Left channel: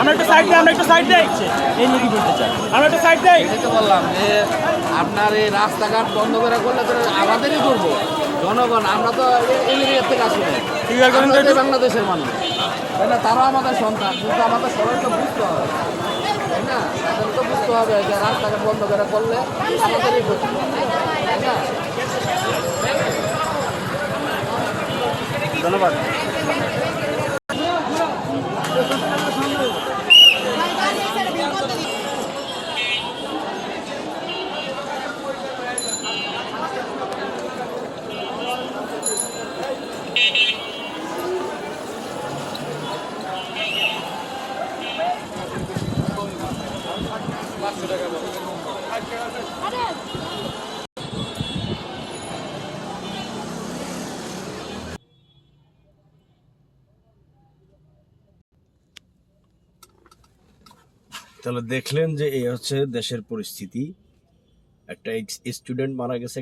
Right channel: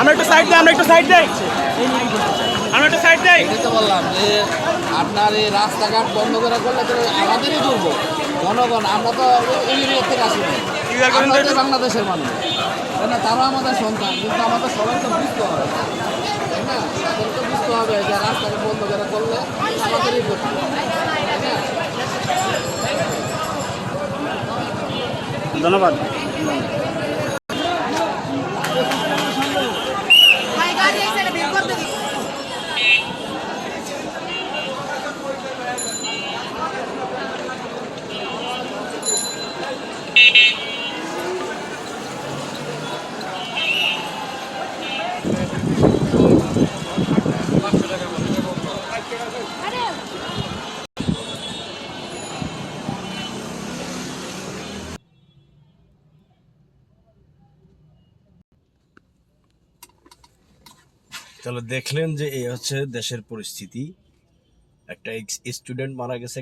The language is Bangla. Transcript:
আমরা একটা সাইড দেই, বললাম যে আপনার এই রাস্তাঘাট বন্ধ করে করলে তো আমাদেরই দুর্ভোগ জনগণ। আমরা তো এই এরিয়া থেকে আসি না, আমরা তো বাংলাদেশের মানুষ, তাই না? তারা আমাদের সন্তান, কিন্তু আমাদের সবাই তো বুঝতে হবে, তাই না? তাদের তো বুঝতে হবে যে রাস্তাঘাট বন্ধ করে করলে আমাদেরই ক্ষতি, তাই না? ধন্যবাদ। তাহলে দেখলেন যে এই হচ্ছে দেশের পরিস্থিতি। একটা স্টুডেন্ট মারা গেছে